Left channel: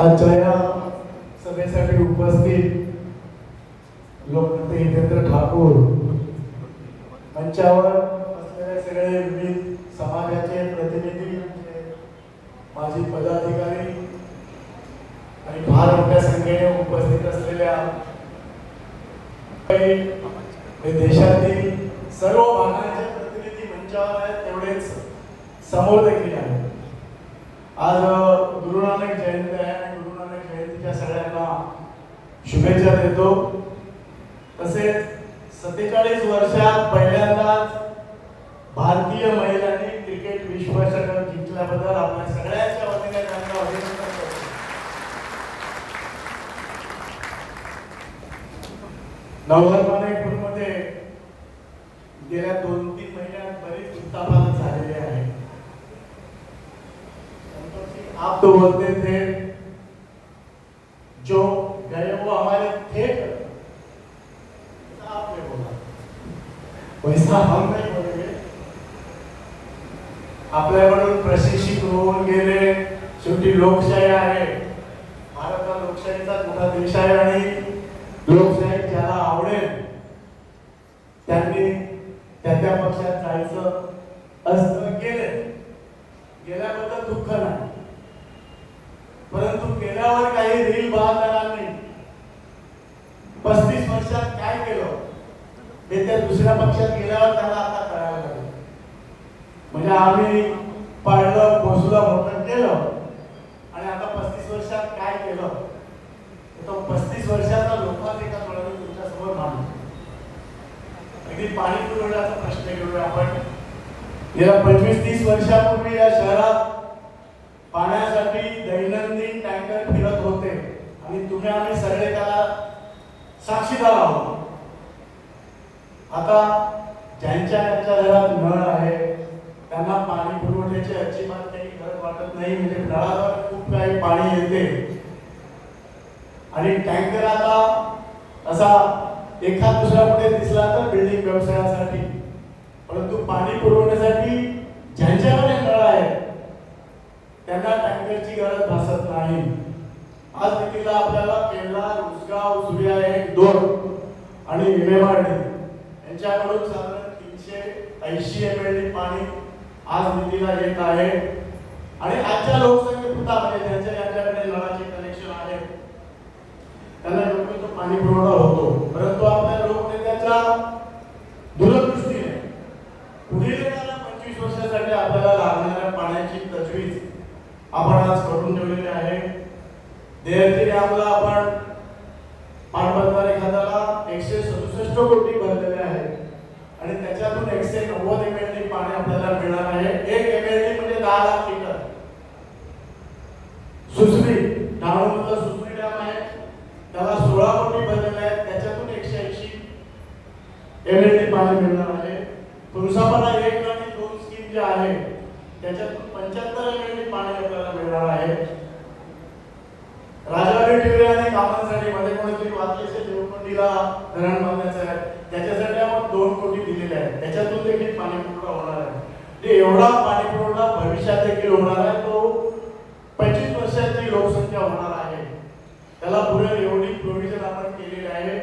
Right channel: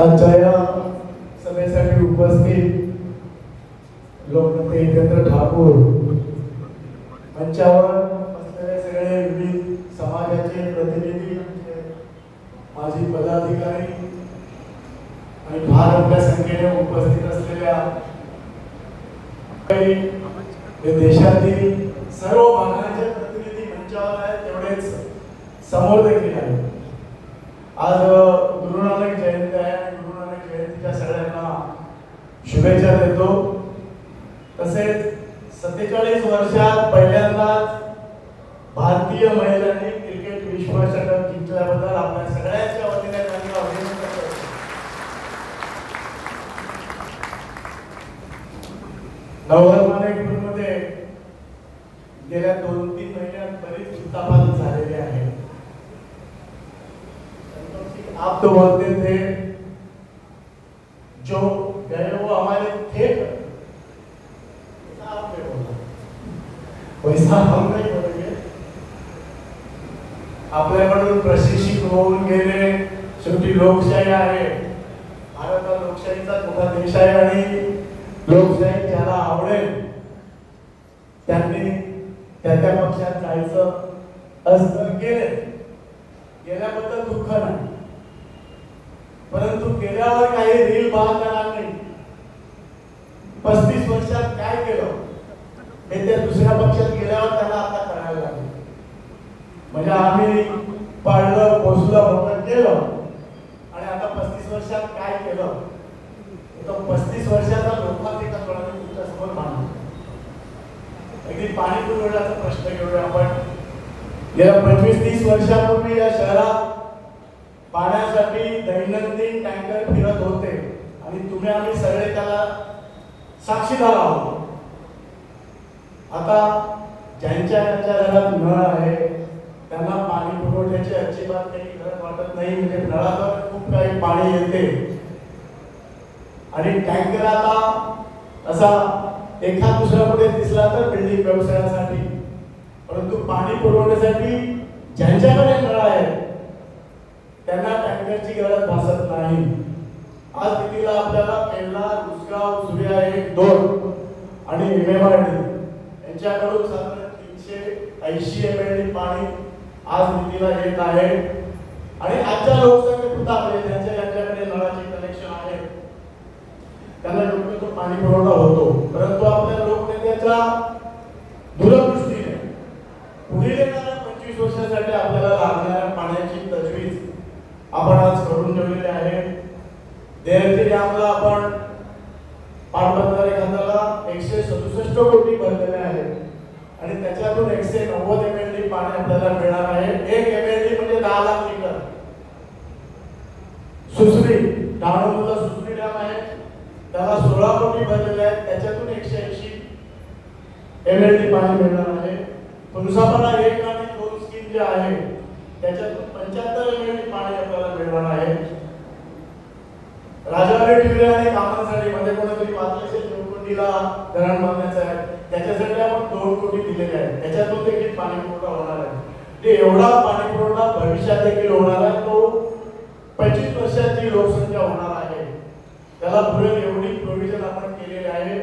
आजच्या या सभेसाठी उपस्थित लोकनेते हितेंद्र ठाकूर मंचावर असलेले सगळे विविध समाजाचे प्रतिनिधी माजी पदाधिकारी आणि फार मोठ्या संख्येने उपस्थित असलेल्या हे देशातील सर्व भागांचे प्रतिनिधी मंचावर आहेत तेवढेच समोर देखील आहेत. आज अ, गुरु नानक जयंती त्या सगळ्यांना शुभेच्छा देतो. तसेच सत्तेचाळीस वर्षात पहिल्यांदाच भारतीय महिलांनी क्रिकेट विश्वचषक जिंकल्याबद्दल आपल्या सगळ्यांच्या वतीने त्यांना अभिनंदन करतो. नवधर्माने गेल्या दोन तीन महिन्यात बरीच उत्तापात झालेली आहे आप तो बोलते थे जो गए वो हमारे थे ऐसा आपने बोला वैसा हम नहीं बोलेंगे आपल्याकडून प्रशिक्षित होऊन गेले शेवटी लोकशाही आहे भारत लोकशाहीचा मोठा देश आहे आणि लोकशाही ज्याला आवडेल त्यांनी त्या त्या पक्षात जायचं असतं गेले. गेल्याबद्दल दुःख नाही. परंतु गेल्यावर काही रील बाद नाही. पस्तीस वर्षात काय केलं? हे त्या दुसऱ्या पक्षात गेल्यावर त्याला आता कळायला लागलं. म्हणजे आम्ही पाळलं पोसलं मोठं केलं. आणि आता पस्तीस वर्षात काय केलं? तो पस्तीस वर्षाचा लोकांत एका प्रणाली तुमच्यासमोर मांडतो. अगदी पाणी पुरवठ्याचा प्रश्न घेऊया आपण. गेल्या पंचवीस तीस वर्षापूर्वी या शहरात पाण्यासाठी दैनंदिन टँकर फिरत होते. आणि तुम्ही आम्ही सगळे त्याला साक्षीदार आहोत. आता ज्यांच्या ज्यांच्या घरात नळ आहे त्यांना पाणी पुरवठ्याची अजिबात काही गरज वाटत नाही. म्हणजे नळावर खूप काही पाणी येते. आणि टँकर आता असा एखाद दुसरा कुठे दिसला तर बिल्डिंग व्यवसायासाठी. परंतु पाणी पुरवण्यासाठी ज्यांच्याकडे नळ आहे त्यांना टँकरची गरज भासत नाही. आज तिथीला आपल्याला केंद्रा उसगाव सूर्या एक दोन आणि इमेवाडी यांच्याकडून साधारण तीनशे ऐंशी एम एल डी पाणी आज निधीला येत आहे. आणि आजच्या लोकसंख्येपुरता म्हणजे त्यांच्या ज्यांच्याकडे नळाचे कनेक्शन आहे त्यांना योग्य तो पाणी पुरवठा होतो. परंतु आपल्या लोकनेत्याच्या दूरदृष्टीने पुढील येणाऱ्या पंचवीस वर्षासाठी आपल्याला लागणाऱ्या पाण्याची तजवीज आपण आज करून ठेवलेली आहे. देहती डॅमला आपण पाटबंधारे खात्याला एकशे सदुसष्ट कोटी भरलेले आहे. आणि त्याच्यातून एकशे नव्वद एम एल डी पाणी आपल्याला मिळणार आहे एक एम एल डी म्हणजे दहा लाख लिटर सुसरी डहाणूमधला सुसरी डॅम आहे त्याला सोळा कोटी भरलेले आहेत त्याच्यातून एकशे ऐंशी एम एल पाणी मिळणार आहे. तुळसापणा एक आणि दोन स्कीम जे आहे त्याच्यातून पंच्याहत्तर एम एल पाणी आपल्याला मिळणार आहे. राजावाडी टिवऱ्याने कामांसाठी मध्ये कोणीतरी वाचले असेल देवकोंडीला धरण बांधायचं आहे. त्याच्यासाठी आपण दोन कोटी दिलेले आहेत. त्याच्यातून देखील पाणी पुरवठा होणार आहे. ते एवढा पाणी पुरवठा भविष्यात देखील होणार आहे. तो पंचवीस वर्षाची लोकसंख्या होणार आहे. त्याला पुढे एवढी प्रोव्हिजन आपण केलेली आहे.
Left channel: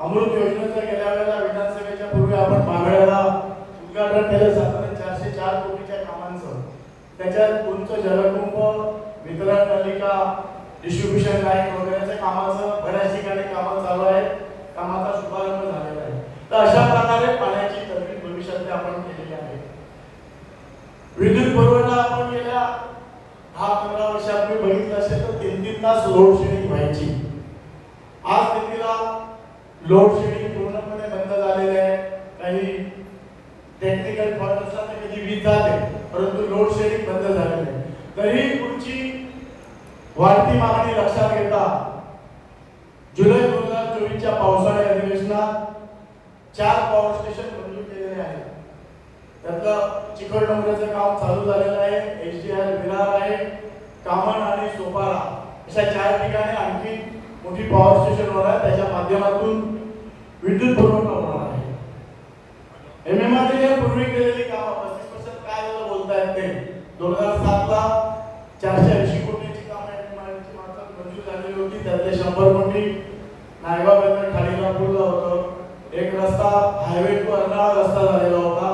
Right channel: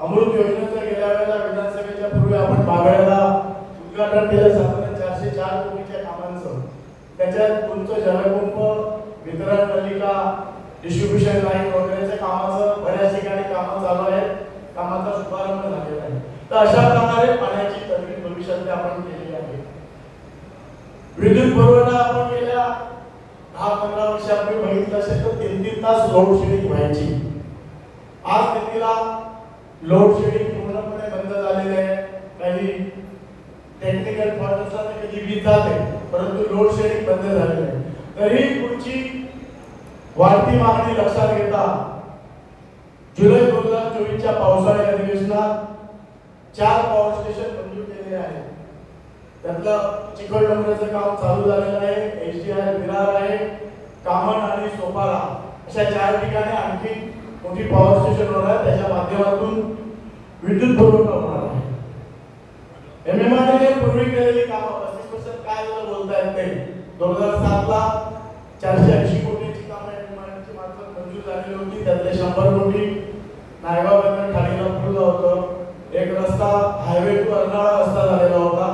अमृत योजनेचा गेल्या वेळेला पूर्वी उद्घाटन केलं साधारण चारशे चार कोटीच्या कामांचं. त्याच्यात तुमचं जलकुंभ वितरण नलिका डिस्ट्रीब्युशन लाईन वगैरेच्या कामाचं बऱ्याच ठिकाणी कामं चालू आहेत. कामाचा शुभारंभ झालेला आहे. तर अशा प्रकारे पाण्याची तरतूद भविष्यात आपण केलेली आहे. विद्युत पुरवठा आपण गेल्या दहा पंधरा वर्षापूर्वी बघितलं असेल तर तीन तीन तास लोड शेडिंग व्हायची. आज स्थितीला लोड शेडिंग पूर्णपणे बंद झालेले आहे. काही टेक्निकल प्रॉब्लेम्स असला की कधी वीज जाते परंतु लोड शेडिंग बंद झालेले आहे. तरी पुढची वाढती मागणी लक्षात घेता जुलै दोन हजार चोवीसच्या पावसाळी अधिवेशनात चार पॉवर स्टेशन मंजूर केलेले आहे त्यातलं चिकलडोंगराचं काम चालू झालेलं आहे एच डी आर विरार आहे कामण आणि सोपारा. अशा चार ठिकाणी आणखी मोठी पॉवर स्टेशन होणार आहे त्याच्या माध्यमातून विद्युत पुरवठा होणार आहे. एम एम आर पूर्वी केलेली कामं पस्तीस पर्सेंट काय झालं बोलता येत नाही. दोन हजार सात ला चारशे ऐंशी कोटीची कामं एम मात्र मंजूर झालेली होती. त्यातले शंभर कोटी नायबा बंदर ठाणेला पुरलं होतं. एक रस्ता हायवे टू अर्नाळा रस्ता झालेला होता.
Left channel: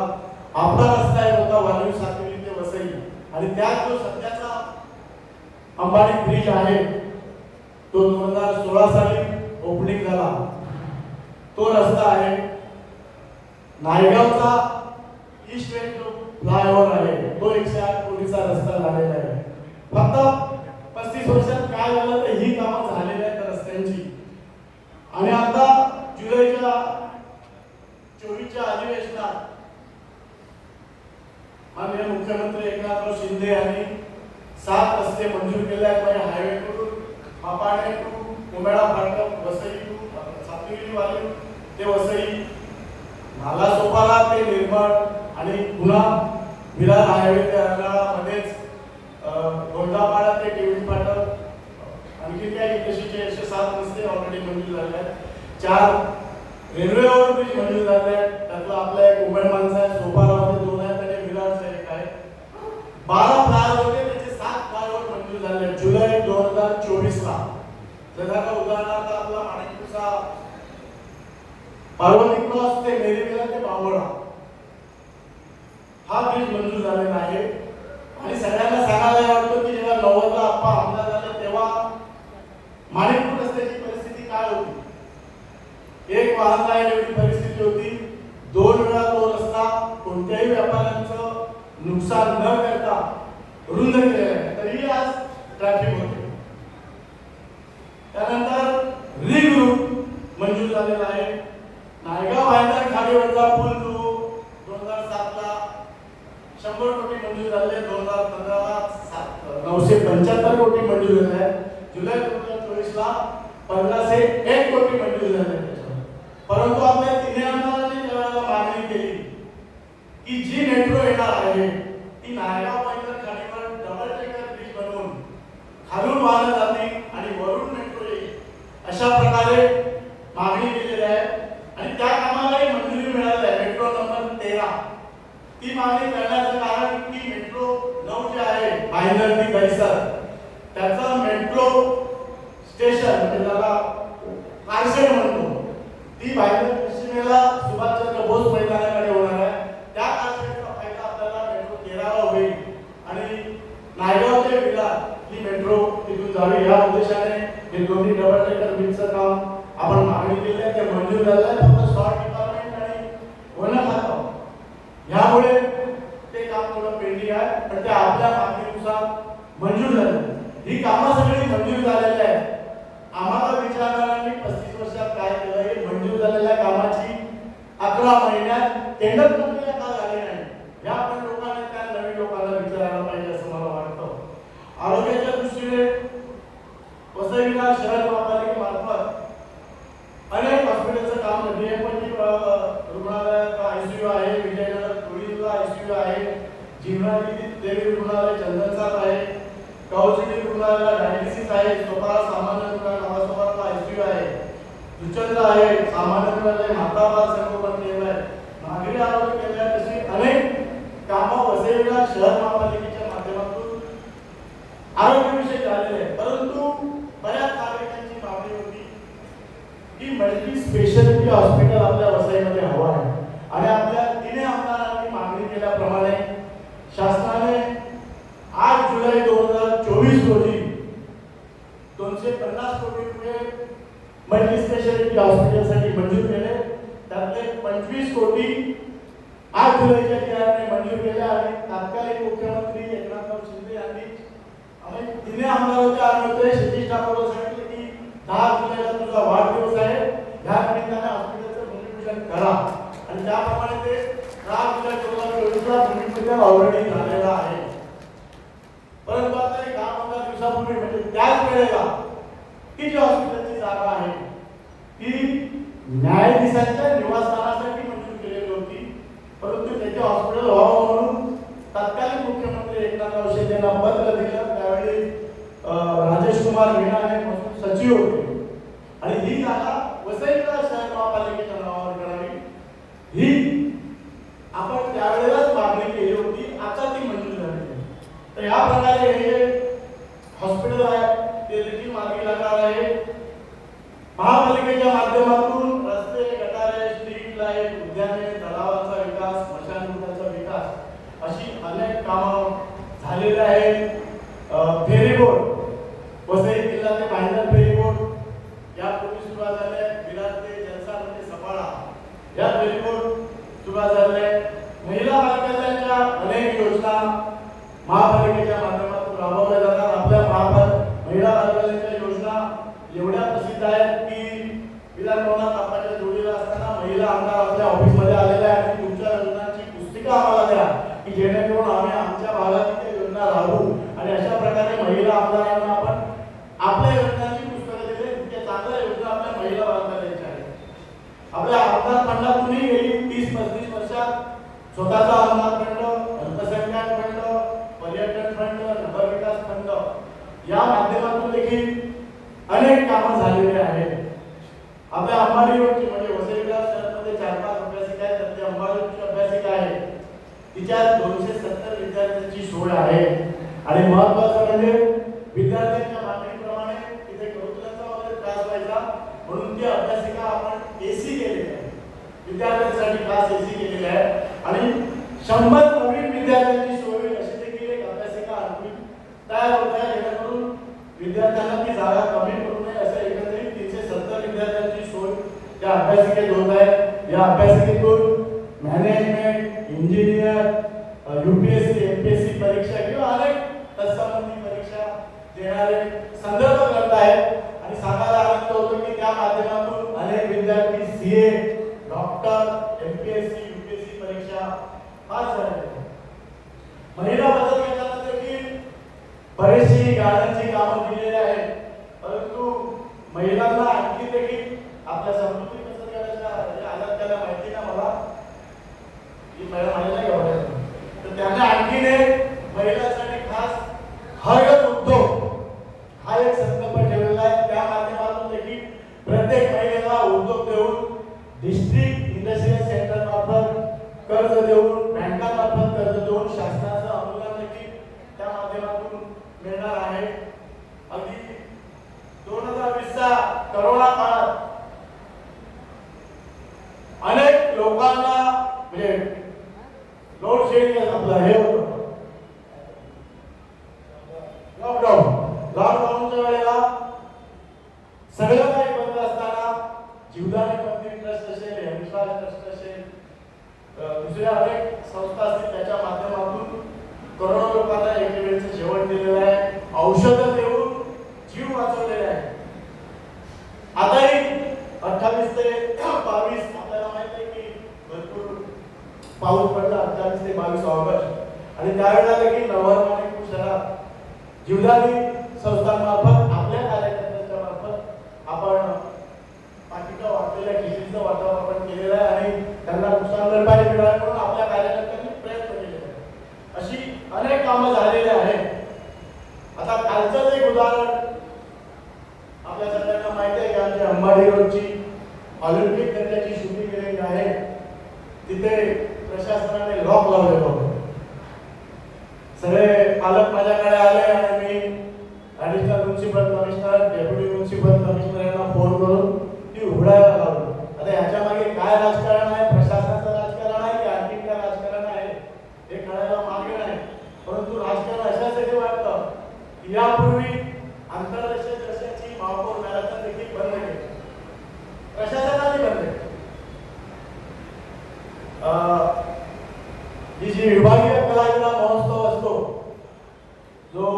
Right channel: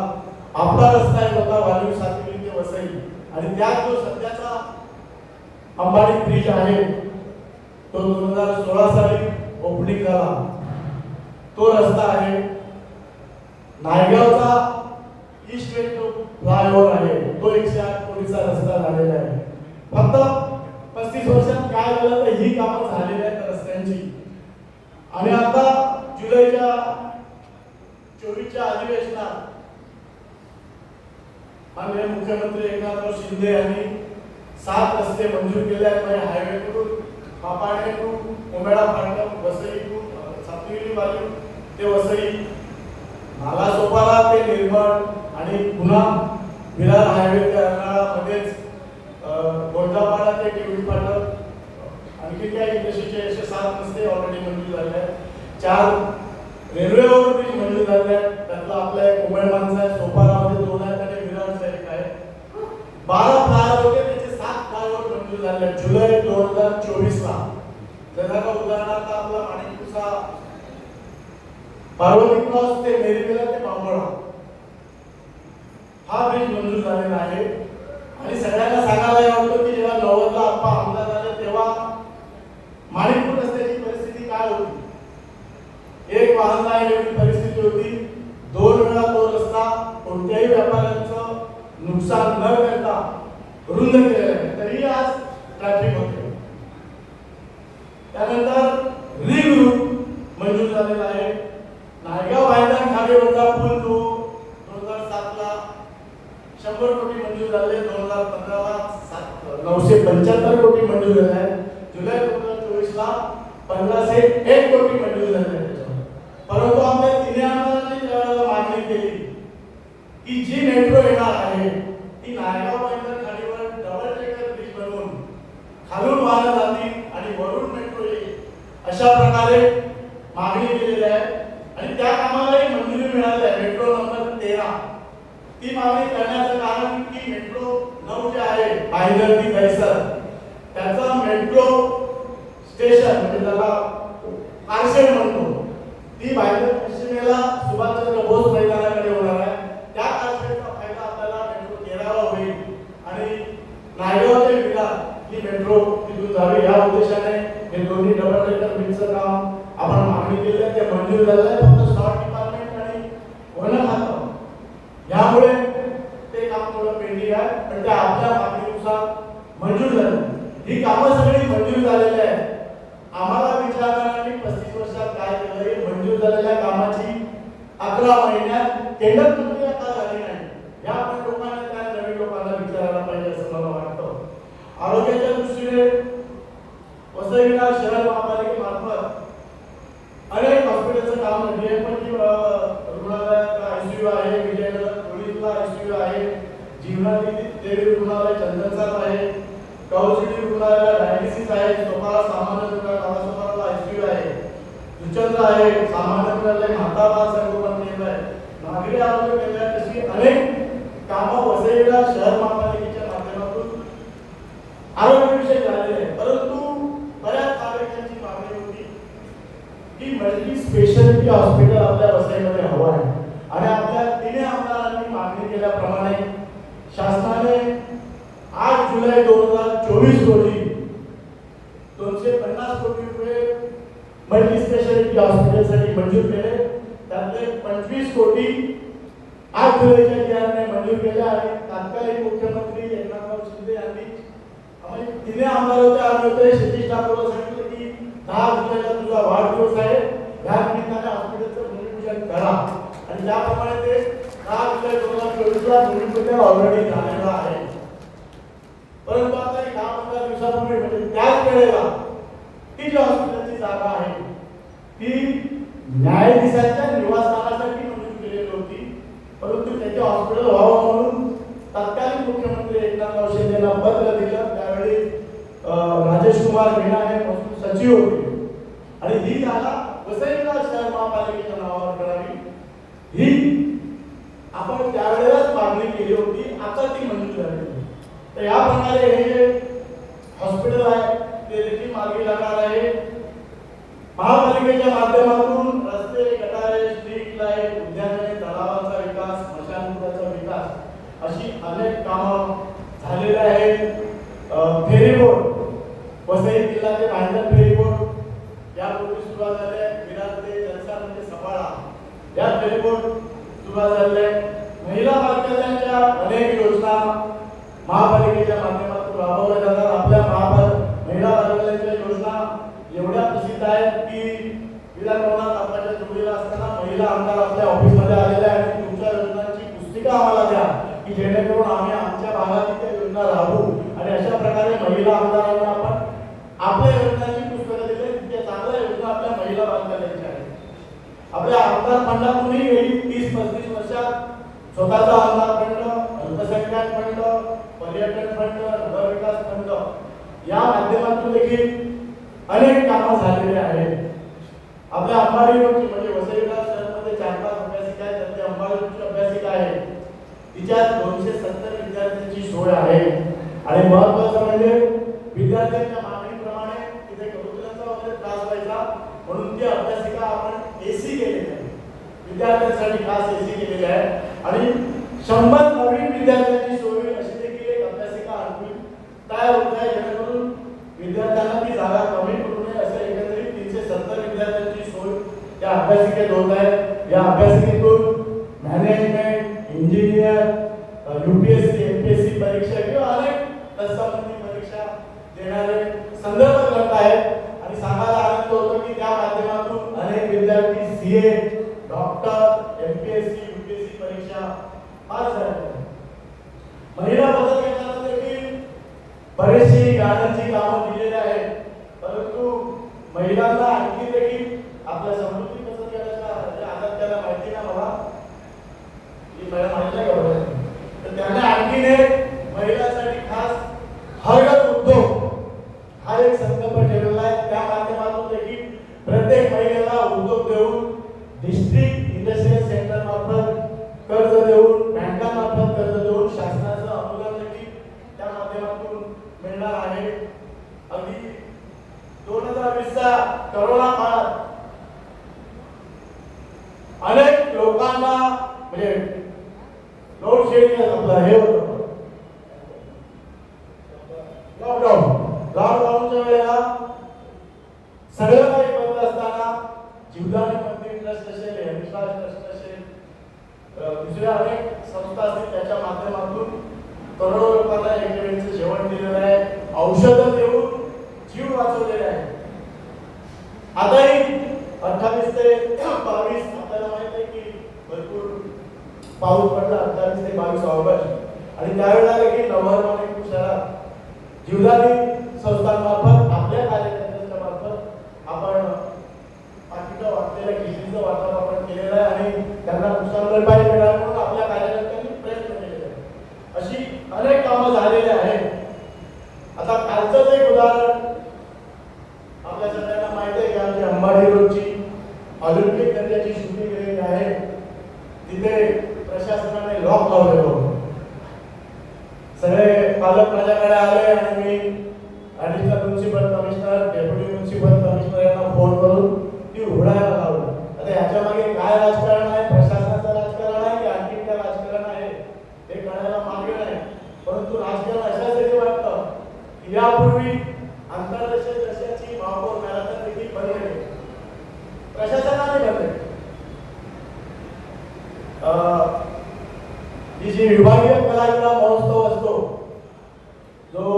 आपला रस्ता एक होता वालीव सातवी ते वसई. आणि त्यात जो सध्याचा अंबाडी ब्रिज आहे. तो दोन हजार सोळा साली ओपनिंग झाला. तो रस्ता आहे. नायगावचा ईस्ट वेस्ट फ्लायओव्हर आहे तो एकशे आठ कोटीचा रस्ता झालेला आहे. फक्त पस्तीस वर्षात काय झालं तर ही कामं झालेली आहेत रस्त्यांची. आणि आता जुलैच्या चोवीसच्या अधिवेशनात माननीय मुख्यमंत्री एकनाथराव शिंदे यांनी सात रस्ते मंजूर केले आहेत. म्हणजे highway to Mapane to Komeda Phatak Vasai to Satgiri वाली ते वसई नालासोपाला ते निर्माण आणि पुन्हा विरार हायवे ते अर्नाळामध्येच गोंदापाडा ते टेवी फाटक आणखी काही इंडस्ट्रीचे असे सात रस्ते ऑलरेडी मंजूर झाले आहेत. चार रेल्वे ब्रिज मंजूर झाले आहेत. त्यातलं आपला एक उमेड माणसा आहे सोपारामध्ये दोन आहेत आणि विरारचा एक आहे. बारा फ्लायओव्हर होते त्याचे सात फ्लायओव्हर मंजूर झाले आहेत. जुलै दोन हजार चोवीसला. ला का उदाहरणार्थ आपला माणिकपूरचा पार्वती क्रॉस ते मेरीवेला ते बांबोळा. हा ब्रिज मंजूर झालेला आहे. आणि सगळ्यांना सांगायला आवडतो की जेव्हा नव्वदला आप्पा आमदार झाले तेव्हा माणिकपूर रस्त्याची परिस्थिती काय होती? एक वाहन नाही एवढी परिस्थिती होती. दोन वेळा तो रस्ता कोणत्याही व्यापाऱ्यांचं नुकसान न करता रुंद केलेला आहे. तरी आज ट्रॅफिक होते त्यानंतर रिंग रूट मंजूर झालेला आहे. नायगाव भायदान खाडीवरचा पूल जो दोन हजार सातला शंभर कोटी मंजूर झाले. दोन हजार पंधराला सात नऊशे पंच्याहत्तर कोटी मंजूर झाले. जुलै दोन हजार चोवीसला पंधराशे एक कोटी मंजूर झाले. परंतु आमच्या तिने आमदारांनी त्यावेळेला मागणी केली की जी मेट्रो येणार आहे ती नायगाव भाईंदर खाडीवर डबल डेकर ब्रिज बनवून खालून वाहन जातील आणि वरून मेट्रो येईल. अशा प्रकारे मागणी केलेली आहे आणि त्या कामालाही मंजुरी मिळाली आहे मेट्रो नंबर तेरा ती मागणी करण्याचं कारण की मेट्रो नऊ जे आहे भाईंदर ती दहिसर त्याचा मेट्रो स्टेशन म्हणजे त्याला कारशेड म्हणतो ती भाईंदर पश्चिमेला सुभाषचंद्र बोस मैदानाकडे होणार आहे त्या कारशेडचा फायदा आपल्याला मेट्रो तेराला होईल आणि नायगाव ते विरार ही मेट्रो तिथून जावी या उद्देशाने हे दोन्ही डबल डेकर ब्रिजचं काम आपण मागणी केली आहे ते मंजूर झालेलं आहे फक्त शॉर्ट डिपार्टमेंट आणि वन खातं यामुळे ते काम थोडं पेंडिंग आहे पण ते आपल्या मागणीनुसार मंजूर झालं ही कामं सगळी मंजूर झालेली आहेत आम्हाला विचारणाऱ्यांनी पस्तीस वर्षात काय केलं हे मंजूर झालेल्या कामाची अकरा महिन्यात टेंडर प्रक्रिया का झाली नाही या पण लोकांना त्या नवीन लोकांना विचारायला पाहिजे असं मला वाटतं आरोग्याच्या दृष्टीने वसई विरार शहर महापालिकेमार्फत अनेक हॉस्पिटलचं काम झाली आहे पण जी, अं, रुग्णालयात आयसीयू आहे विजयनगर पोलीसला आयसीयू आहे जिल्हाजी देवी रुग्णालय चंदनसात आहे कौसिटी रुग्णालयाला डायलिसिस आहे स्वतः सामान्य रुग्णालय नावासोबतला आयसीयू आहे. दुचंद्र आहे सामान्य रुग्णालय म्हातारा संगोपन केंद्र आहे. नागरी आरोग्य केंद्रात अशी अनेक कामं वसईला शहर महापालिकेच्या माध्यमातून आरोग्यविषयी झालेले आहे परंतु बऱ्याच नागरिकांची मागणी होती की मल्टी स्पेशालिटी हॉस्पिटल आपल्या वसईमध्ये हवं आहे. आणि आपल्या तिने आमदारांनी मागणी केल्याप्रमाणे शासनाने आठ जुलै दोन हजार चोवीस दोनशे पन्नास कोटी रुपये मल्टी स्पेशालिटी हॉस्पिटलसाठी मंजूर केले. त्यातले पंचवीस कोटी आठ जुलैच्या जी मंजूर केले आणि तात्कालिक मुख्यमंत्री एकनाथराव शिंदे यांनी आम्ही तिन्ही आमदार होते. आम्ही होते सतीश ठाकूरला सांगितले की दहा जुलैला तुझा वाढदिवस आहे. या निमित्ताने हॉस्पिटलचं भूमिपूजन करा. आणि त्याप्रमाणे ते दहा जुलै दोन हजार चोवीसला भूमिपूजन ऑलरेडी झालेलं आहे. परंतु आता एक दहा पंधरा दिवसापूर्वी म्हणजे त्याच वेळेला ती जी हॉस्पिटलची जागा आहे ती न्यायाधीशांच्या निवासस्थानासाठी मंजूर केलेली होती. परंतु त्याचे हॉस्पिटल व्हावं म्हणून तत्कालीन मुख्यमंत्री एकनाथ शिंदे यांना पत्र दिलं त्यावेळी राजेश कुमार मीणा हे सचिव होते. आणि ही जागा वसईला शहर महापालिकेच्या नावावर करावी ही आपण त्यावेळेलाच मागणी केली होती आता ती मंजूर झाली आहे. तर या प्रकारे हे जे हॉस्पिटल आहे ते देखील आहे महापालिकेच्या माध्यमातून रस्ते गटारे स्ट्रीट लाइट उद्याने तलावाचा विकास स्मशानभूताचा विकास अशी अनेक कामं झालेली आहेत. फेरीबोट वसई किल्ला ते भांडण फेरीबोट यापूर्वी सुरुवात झाले आहे. विरार ते जलसा म्हणजे सफाळा या फेरीबोट सुरुवात झाले महिला बालकांच्या अनेक योजना महापालिकेच्या माध्यमातून राबवल्या जातात आपल्या महापाल महिला बालकांच्या योजना एवढ्या प्रसिद्ध आहेत की विधानभवनात आपल्या जोडीला असताना महिला आमदार आपल्या ऑफिसमध्ये आलेल्या आहेत तुमच्या योजनांची पुस्तिका आम्हाला द्या की जेणेकरून आम्ही आमच्या भागातील त्या योजना राबवू आणि अशा प्रकारे महिला आमदारांना आपण आपल्या योजनांची पुस्तकं दिले त्या चांगल्या योजना आपल्या महिला बालकांच्या आहेत. आपल्या आमदार फंडातूनही गेली. तीस पस्तीस वर्षात स्वतःचा आमदार फंड अल्पसंख्याक फंड पर्यटन फंड नगरविकास फंड या माध्यमातून देखील अनेक कामं झालेली आहेत. आपल्या अंबाडी चार पाच अभ्यासिका आहेत त्यातली अंबाडी अभ्यासिका आहे? तिच्यात दोनशे सत्तर विद्यार्थ्यांची सोय आहे. आणि महत्वाचं म्हणजे विद्यार्थ्यांच्या मागणीप्रमाणे तिथे करिक्युलरचा वगैरे त्रास व्हायचा. म्हणून ती अभ्यासिका आपण एसी केलेली आहे विद्यार्थ्यांसाठी खास एसी केलेली आहे आणि शंभर नवीन विद्यार्थ्यांची सोय अशी देखील एक अभ्यासिका आणखी तयार होत आहे. जेणेकरून विद्यार्थ्यांना ती जागा कमी पडू नये असं एकंदरीत तीनशे सत्तर विद्यार्थ्यांची सोय या अभ्यासिकेत होत आहे. या अभ्यासिकेतून मॅनेजमेंट इंजिनियर युपीएससी एमपीएससी परीक्षा किंवा अनेक तत्संबंधी परीक्षा देणारे संदर्भ ग्रंथ आहेत आणि सांगायला आनंद होतो की त्या माध्यमातून अनेक विद्यार्थी सीए डॉक्टर एमपीएससी युपीएससी परीक्षा पास झाले आहेत. महिला बदल गटाला देखील बरेचशी गाड्यांची कामं दिलेली आहेत परंतु महिलांना आणखी देखील आपल्या समृद्धी आल्यात माहिती ना मला ही महिला माहिती नाही तर त्याने आणखीन एक महिलांसाठी खास हरगत उद्योग हा एक संकल्प ठेवलेला आहे त्या माध्यमातून देखील प्रत्येक महिलेला उद्योग देऊन डिस्ट्रिक्ट इंडस्ट्रियल सेंटर मार्फत कर्ज देऊन बँकामार्फत कर्ज देऊन शासनाचं अनुदान देखील त्या माध्यमातून मिळणार आहे अगदी दोन हजार वीसचा करोना काळात अनेक लोकांना म्हणजे लोड शेडिंग आपलं हे होतं लॉकडाऊन लॉकडाऊनच्या वेळेला सगळं काही बंद असताना जीवदानी मंदिर ट्रस्ट असेल हेमश्वास ट्रस्ट असेल अ, दुसऱ्या अनेक संस्था असतील त्याच्या माध्यमातून करोडो लोकांना एके वेळेचं जेवण दिलेलं आहे औषधं देऊन जीव वाचवलेले आहे आताही अठ्ठावीस ते बावीस आपल्याला माहीत आहे की भरपूर पाऊस पडला अठ्ठावीस ते बावीस ऑगस्ट आणि त्यावेळेला देखील नवर माणिकपूर शहरात जीवदानी संस्थांमार्फत आपल्या कार्यकर्त्यांच्या मार्फत आपण बाकीचं वाचलेल्या खिचडीचं वाटप आपण केलेलं आहे आणि त्यांना नुकसान भरपाई मिळावी म्हणून आपल्या कार्यकर्त्यांनी प्रयत्न केलेले आहेत अशी अनेक कामं झालेली आहेत आता कालचंच एक उदाहरण आपल्या सगळ्यांना माहिती आहे की आमची अंबाडी रोडची ऑलिम्पिक दर्जाची शूटिंग केलेली आहे तिथे प्रशासनाने लॉक लावले होते सगळे पालक माझ्याकडे आले आणि मी additional municipal commissioner deputy municipal commissioner यांना फोन करून ती उघडायला लावली आता ह्याच्या मागे काय राजकारण आहे प्रशासनाचं राजकारण आहे की आणखी काय राजकारण आहे हे कळायला मागे नाही परंतु राजकारण अशा वाटतं. की यापूर्वी आंतरराष्ट्रीय दर्जाची महापौर मॅरेथॉन देखील बंद केली प्रशासनाने बंद केली अं, ही जी विभागीय कलाविदा महोत्सव असतो जो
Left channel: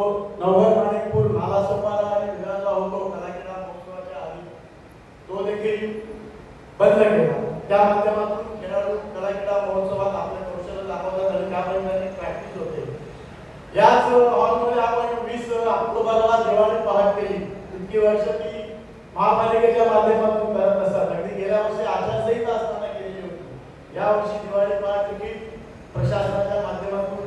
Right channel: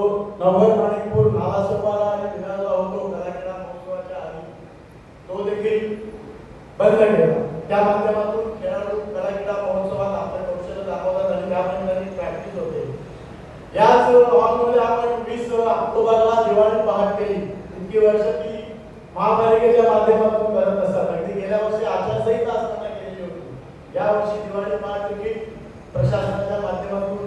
नवर माणिकपूर नालासोपारा आणि विरारला होतो कलाक्रीडा महोत्सवाच्या आधी तो देखील बंद केला त्या माध्यमातून खेळाडू कलाक्रीडा महोत्सवात आपले कौशल्य दाखवतात आणि त्यामुळे त्यांनी प्रॅक्टिस होते याच हॉलमध्ये आपण वीस ऑक्टोबरला दिवाळी पहाट केली इतकी वर्ष ती महापालिकेच्या माध्यमातून करत असतात अगदी गेल्या वर्षी आचारसंहिता असताना केलेली यावर्षी या वर्षी दिवाळी पाच तिकीट प्रशासनाच्या माध्यमातून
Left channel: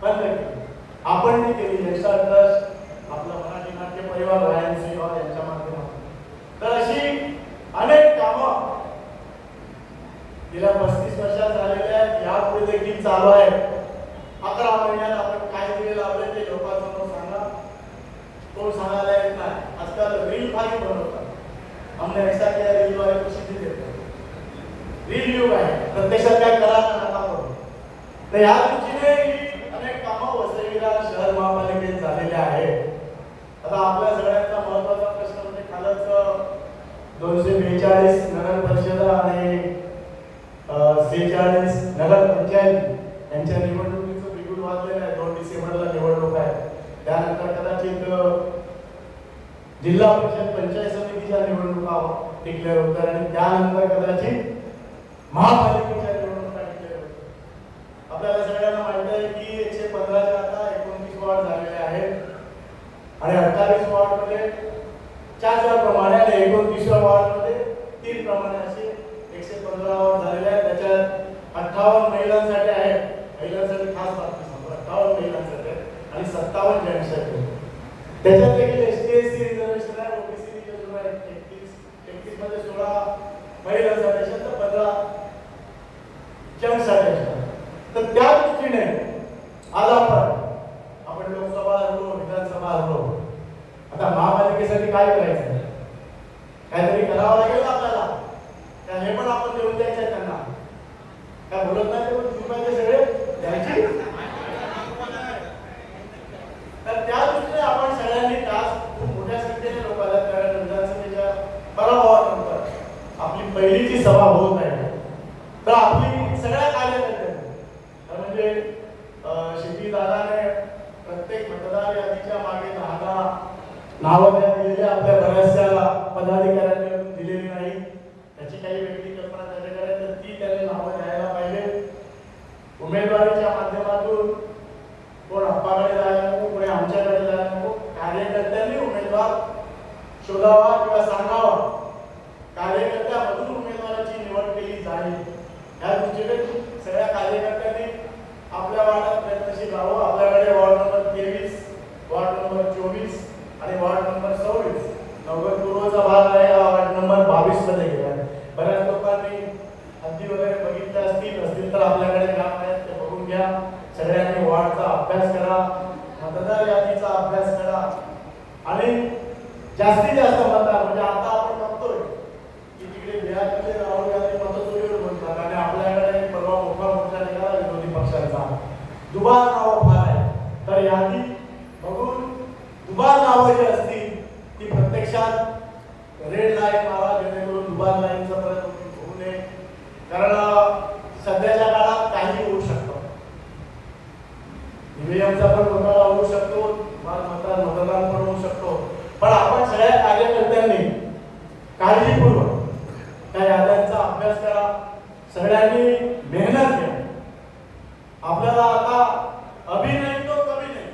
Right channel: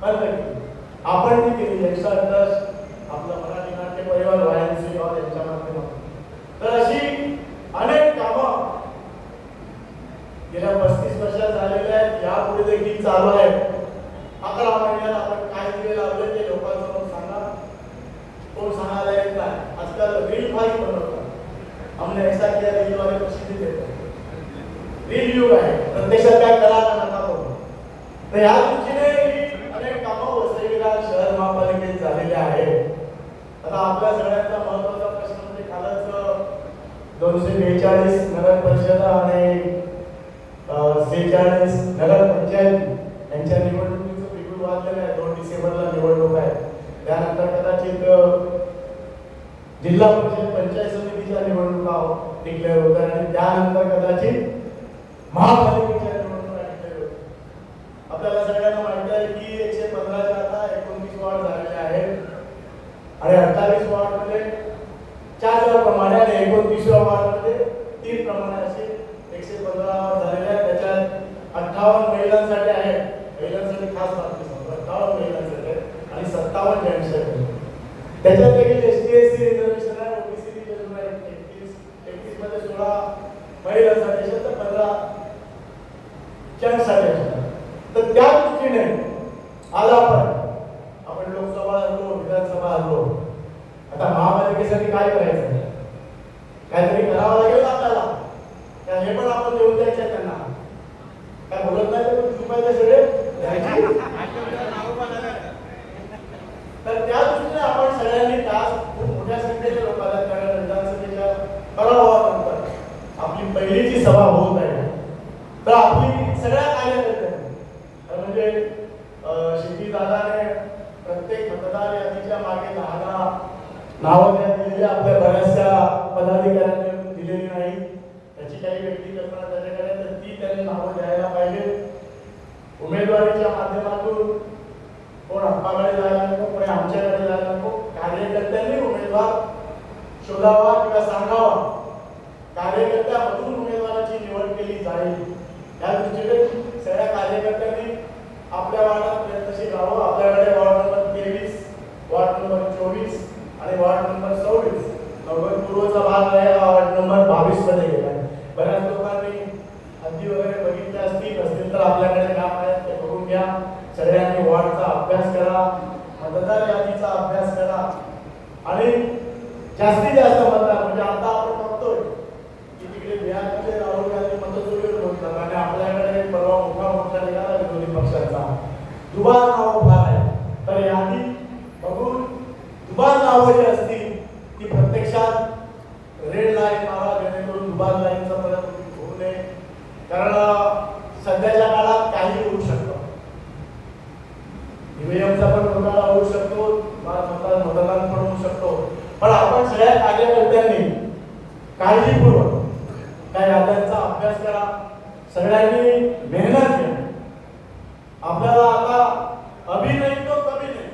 बंद केली. आपण ती केली. यक्षा ट्रस्ट आपलं मराठी नाट्य परिवार वायांसी हॉल यांच्या माध्यमातून. तर अशी अनेक कामं गेल्या पस्तीस वर्षात झालेल्या आहेत. यापुढे देखील चालू आहे. अकरा महिन्यात आपण काय दिले लावले ते लोकांसमोर सांगा? कोण सांगायला येत नाही. आजकाल रील फाईल बनवतात. हमने ऐसा किया रील वाले युग आहे. प्रत्यक्षात काय करा नका करू तर या दृष्टीने अनेक कामं वसईला शहर महापालिकेत झालेले आहेत. आता आपल्या सगळ्यांचा महत्त्वाचा प्रश्न म्हणजे कालच दोनशे बेचाळीस नगर परिषद आणि सेहेचाळीस नगर पंचायत यांच्या निवडणुकीचं बिगुल वाजलेलं आहे. दोन डिसेंबरला निवडणूक आहे. त्यानंतर कदाचित जिल्हा परिषद पंचायत समितीच्या निवडणुका हो, डिक्लेअर होतात. आणि त्यानंतर कदाचित महापालिकेच्या निवडणुका आपल्याला सगळ्यांना माहीत आहे की एकशे पंधराच्या आता एकोणतीस वॉर्ड झालेले आहेत. आणि अठ्ठावीस वॉर्डमध्ये चार चार प्रमाणे आणि एकोणतीसव्या वॉर्डमध्ये तीन प्रमाणे असे एकशे पंधरा वॉर्ड झालेले आहेत. त्याच्यात अठ्ठावन्न महिलांसाठी आहेत. महिलांसाठी खास बातमी सांगतो. अठ्ठावन्न महिलांसाठी आहेत आणि सत्तावन्न जेंट्ससाठी आहेत. त्याच्यात देखील S T S C reservation आहे ओबीसी रिझर्वेशन आहे एकतीस एकतीसमध्ये सोळा महिलांसाठी असेल तर पंधरा जेंट्ससाठी असेल तर त्या दृष्टीने आज आपण आपण लोकसभा हरलो विधानसभा हरलो आता महापालिकेसाठी काय करायचं काहीतरी करावं लागेल का आपल्याला त्या हे पण आपण देऊन द्यायचे आहे त्यांना काय बोलत नाही ते पण रुपयाचे सगळे द्यायचे तर त्या दृष्टीने आपण सगळ्यांनी तास खूप मोठ्या संख्येने लोक आल्यात कारण विधानसभेच्या पराभवानंतर आपली पहिलीची सभा होत आहे तर आपली सगळ्या कार्यकर्त्यांनी तर म्हणजे शेती दादाने प्रत्येक मतदार यादीच्या मागे दहा नावं त्या दिलेली आपल्या बऱ्याचशा पदाधिकाऱ्यांनी दिलेली नाही. त्याची काही व्यक्ती कल्पना त्याच्याकडे तर ती त्याने नावं द्यायला पाहिजे. उमेदवारीच्या माध्यमातून कोण आप्पाकडे जायला नको कोणी आमच्याकडे जायला नको कार्यकर्त्यांनी उमेदवार शोधावा किंवा सांगावा. कार्यकर्त्यामधून निवड केली जाईल. या दृष्टीने सगळ्या कार्यकर्त्यांनी आपल्या वार्डात प्रयत्नशील राहावं आपल्याकडे वॉर्ड नंबर तेवीस वॉर्ड नंबर चोवीस आणि वॉर्ड नंबर सव्वीस. नगर पूर्वचा भाग आहे हा वॉर्ड नंबर बावीसमध्ये गेला बऱ्याच लोकांनी हद्दी वगैरे बघितल्या असतील असतील तर आपल्याकडे काम आहे ते बघून घ्या. सगळ्यांनी वॉर्डचा अभ्यास करा मतदार यादीचा अभ्यास करा. आणि जास्तीत जास्त मतदार म्हणजे आता आपण की तिकडे बिहारमध्ये राहुल गांधी मतचोरीवर बोलतात आणि आपल्याकडे परवा मोठा मोठा निघाला विरोधी पक्षांचा. दुबार नाव फार आहे. तर यादी बघून दुबार नावं जी असतील ती प्रत्यक्षात रेड लाईन मारा जेणेकरून दुबार लाईनचा परत होऊ नये. कारण सध्याच्या काळात काही होऊ शकतं. ईव्हीएमचा पण घोटाळा होऊ शकतो मतदान मतदान पण होऊ शकतो. पण आपण सगळ्या कार्यकर्त्यांनी काळजीपूर्वक त्या याद्यांचा अभ्यास करा सगळ्यांनी मेहनत घ्या आपल्याला आता अभि नाही तो कमी नाही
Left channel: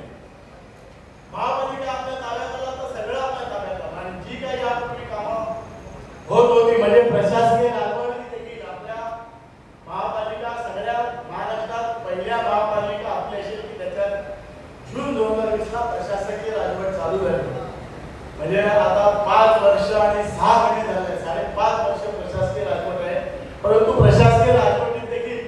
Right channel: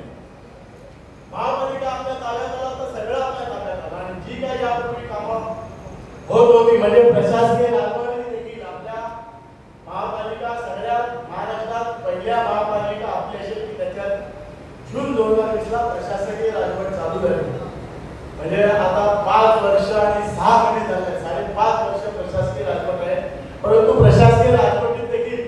महापालिका आपल्या ताब्यात आला तर सगळं आपल्या ताब्यात आलं आणि जी काही यापूर्वी कामं होत होती म्हणजे प्रशासकीय राजवाडी देखील आपल्या महापालिका सगळ्या महाराष्ट्रात पहिल्या महापालिका आपली असेल की त्याच्यात जून दोन हजार वीस ला प्रशासकीय राजवट चालू झाली. म्हणजे आता पाच वर्ष आणि सहा महिने झाले. साडेपाच वर्ष प्रशासकीय राजवट आहे. परंतु प्रशासकीय राजवटीत देखील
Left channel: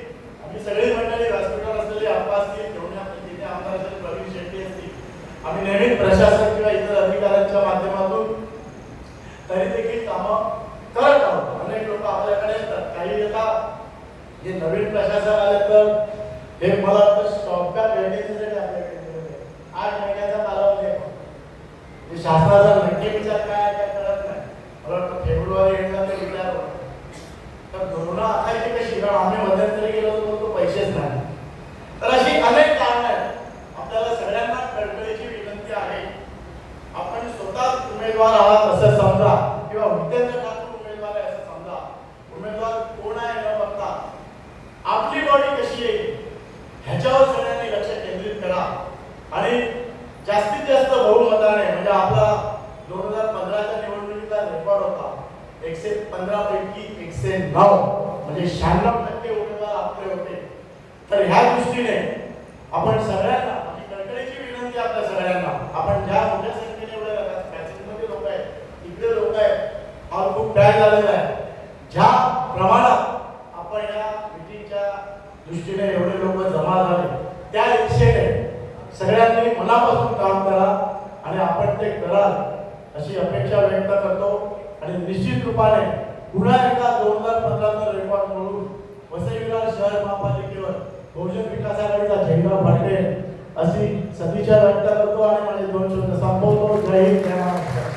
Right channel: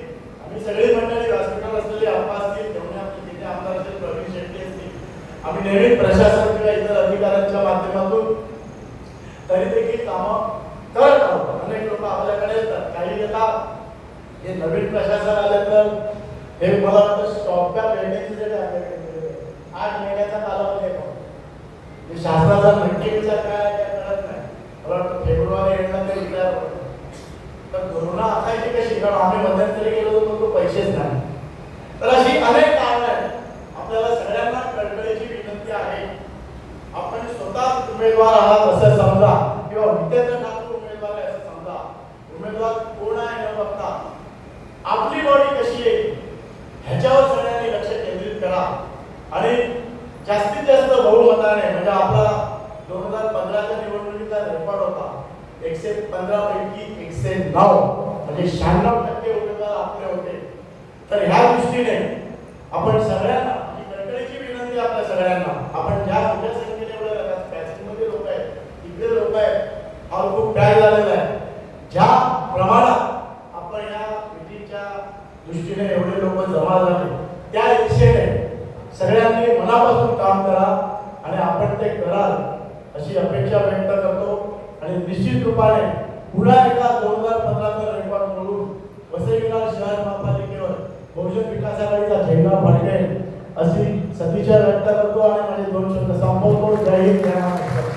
आम्ही सगळी मंडळी व्यासपीठावर असलेली आप्पा असतील धोणे तिथे आमदार असतील प्रवीण शेट्टी असतील आम्ही नवीन प्रशासन किंवा इतर अधिकाऱ्यांच्या माध्यमातून तरी देखील कामं करत आहोत. अनेक लोक आपल्याकडे येतात. काही येतात हे नवीन प्रशासन आले तर हे मला वाटतं स्टॉपच्या भेटण्यासाठी आपल्याकडे आठ महिन्याचा कालावधी आहे ते म्हणजे शासनाचा नक्की विचार काय काय कळत नाही. मला वाटतं फेब्रुवारी एंडला ते विचार होतं तर धोरणं आखायची कशी? कारण आम्ही मध्यंतरी गेलो होतो तो पैसेच नाही. तर अशी अनेक कारणं आहेत. आपल्याला सगळ्यांना कळकळीची विनंती आहे. आपण स्वतः उमेदवार आहात असं समजा किंवा विद्यार्थ्या ठाकूर उमेदवार आहे असं समजा उमेदवार कोण आहे न बघता आपली बॉडी कशी आहे ह्याच्यावर सगळ्यांनी लक्ष केंद्रित करा आणि जास्तीत बहुमताने म्हणजे आपला दोन हजार पंधराच्या निवडणुकीचा रेकॉर्ड होता. एकशे पंधरा पैकी एकशे नऊ. म्हणजे शहाण्णव टक्के उमेदवार आपले होते. तर ह्या दृष्टीने आपण सगळ्यांना म्हणजे माझी कळकळीची विनंती आपल्या सगळ्यांना आपण ज्या मोठ्या संख्येने एवढे पॅसेंजमध्ये लोक आहेत इकडे लोक आहेत हा खूप पॅक झालेला आहे. ज्या प्रमाणात आपण या मिटिंगच्या दृष्टीने एवढे लोक जमा झाले त्या इच्छेने सगळ्यांनी मनापासून काम करा. ते कराल अशी अपेक्षा व्यक्त करतो. आणि निश्चित रूपाने पुन्हा एकदा दोन हजार पंधराचा रेकॉर्ड म्हणून वसई विरार शहर महापालिकेवर बहुजन विकास आघाडीचा झेंडा फडकेल अशी सदिच्छा व्यक्त करतो आणि माझे दोन शब्द संपवतो. जय हिंद जय महाराष्ट्र.